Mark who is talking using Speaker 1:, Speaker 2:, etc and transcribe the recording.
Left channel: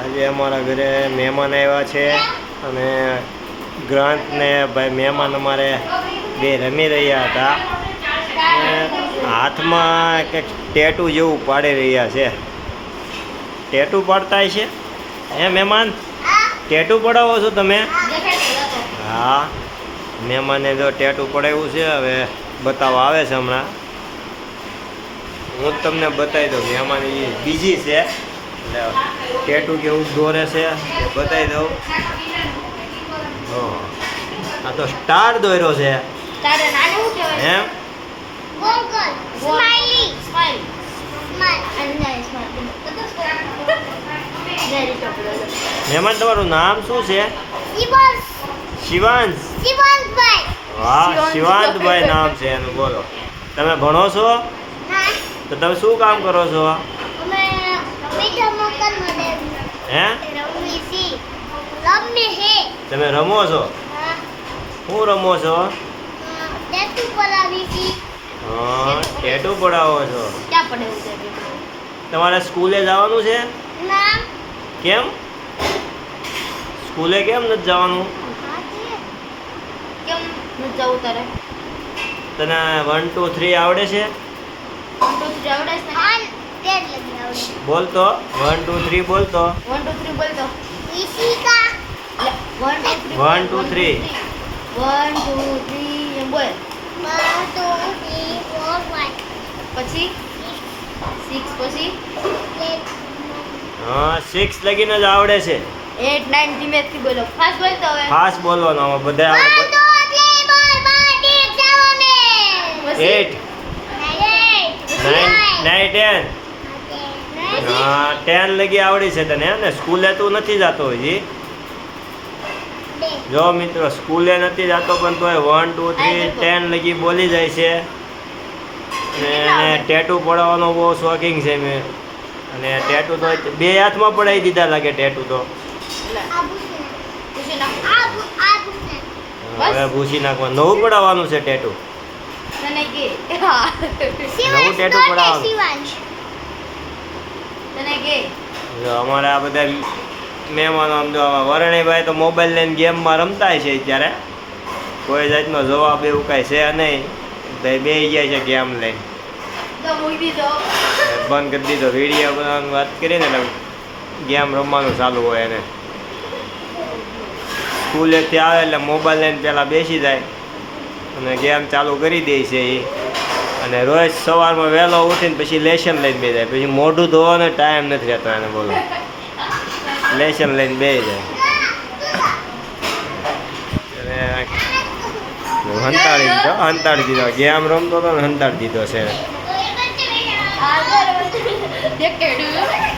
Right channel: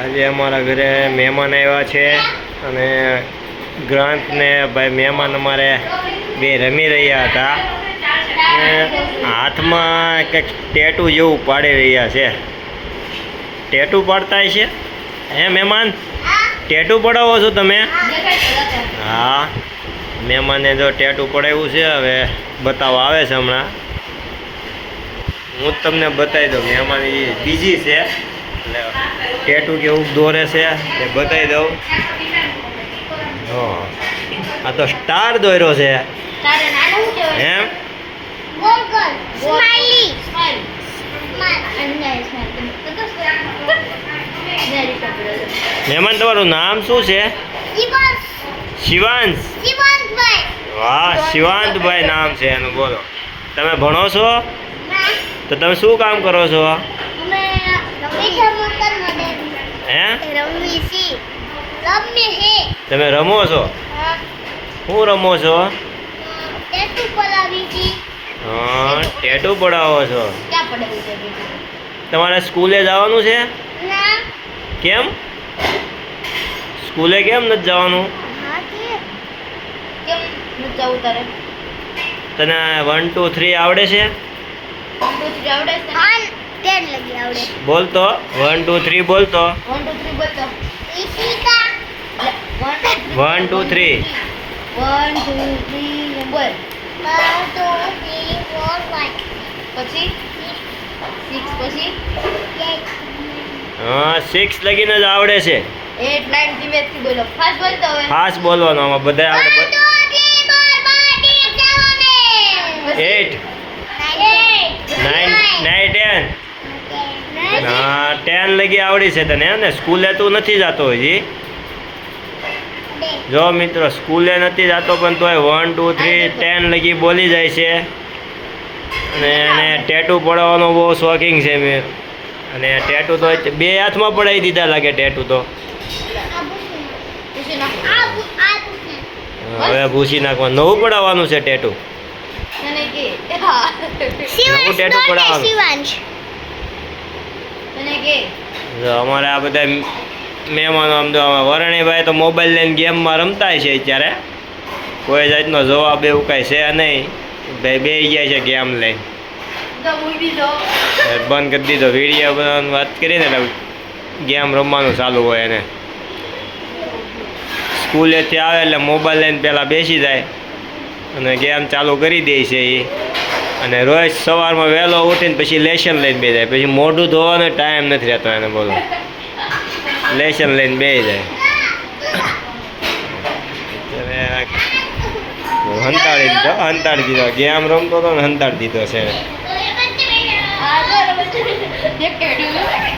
Speaker 1: આજે અમારા ઘરે મહેમાન આવ્યા છે અને ગ્રાન્ટ ને ભાઈ મહેમાન અમારે બે રમી રહ્યા હતા. હાથમાં કંઈક ટેટુ જેવું પાડી રહ્યા છે. ટેટુ પાડતા છે? હે મહેમાન? ટેટુ પડાવો છો તમે? હા. મહેમાને જો ટેટુ પડાવ્યું છે, હવે બતાવવા આવે છે હમણાં. હું તમને બતાવી દઉં, મહેમાન બીજી છે. એટલે ટેટુ કેવું દોરે છે. એ બતાવી દઉં. હા. આ તો સ્ટાર દોર્યો છે. હે? મહેમાન તમારું નામ શું છે?
Speaker 2: શિવાંશ.
Speaker 1: વાહ શિવાંતભાઈ. નામ છે એનું બોલો. તમે ભણો છો? તો તમે શું કામ કરો છો? તમે રમો છો? શું રમો છો?
Speaker 2: ટેટુ
Speaker 1: પડાવો છો. તમારે સ્કૂલે જવાનું છે? કેમ? સ્કૂલે કેમ નથી જવાનું? તને વન ટુ થ્રી આવડે છે?
Speaker 2: આવડે છે ટેન લગી આવડે.
Speaker 1: બોલતો? વન ટુ થ્રી બોલતો.
Speaker 2: વન ટુ થ્રી બોલતો. Ishika.
Speaker 1: One two three
Speaker 2: one two three બોલ. One two three four five પછી? સિક્સ પછી? એટ
Speaker 1: હા સિક્સ લગીને જ આવડે છે.
Speaker 2: એટ નાઇન ધીમે થી બોલો. ફાસ્ટ બોલતો હવે.
Speaker 1: ફાસ્ટ બોલવાનો આમાં બધા
Speaker 2: વન
Speaker 1: આવડે
Speaker 2: two three four five six seven
Speaker 1: eight nine nine ten હા ટેન લગી આવડી છે તને ને સ્કૂલે તું નથી જતો હજી. જો મિત્રો સ્કૂલે નથી જતો પણ તોય વન ટુ થ્રી ટેન લગી બોલી જાય છે. અને એને ટેટુ પડાવવાનો બહુ શોખીન છે મેં. અને ટેટુ તો બે હાથમાં પડાવી દીધા લાગે ટેટુ તો. હવે ભૂસી નાખવાનું. નવું પડાવવાનું છે ટેટુ નવું ટેટુ પડાવવાનું. અમારે આ બધા મહેમાનો આમ તો વરણીભાઈ તો મોબાઈલ લઈને ગેમમાં રમતા છે અત્યારે. કોઈ જાતનો જવાબ એવું કાંઈ છે નહીં. ભાઈ બે ગયા છે ગેમ લઈને. બંધ કરી દીધો વીડિયો બનાવવાની વાત કરીએ ને એટલે ગેમ રમવાનું ચાલુ હોય એને. સ્કૂલેથી આવે એટલે મોબાઈલ લઈને પહેલાં બેસી જાય. અને ગેમ ચાલુ કરી દે છે એ. અને રોજ સવારમાં વહેલો ઉઠીને પછી લેશન લઈને બે જાય. પછી મોઢું ધોવાનો ટાઈમ નથી રહેતો એને બોલો. લેશન લઈને બે જાય. હંતાડી દીધો હંતાડી દીધો. ગેમ રમતો હતો ને હંતાડી દીધો છે.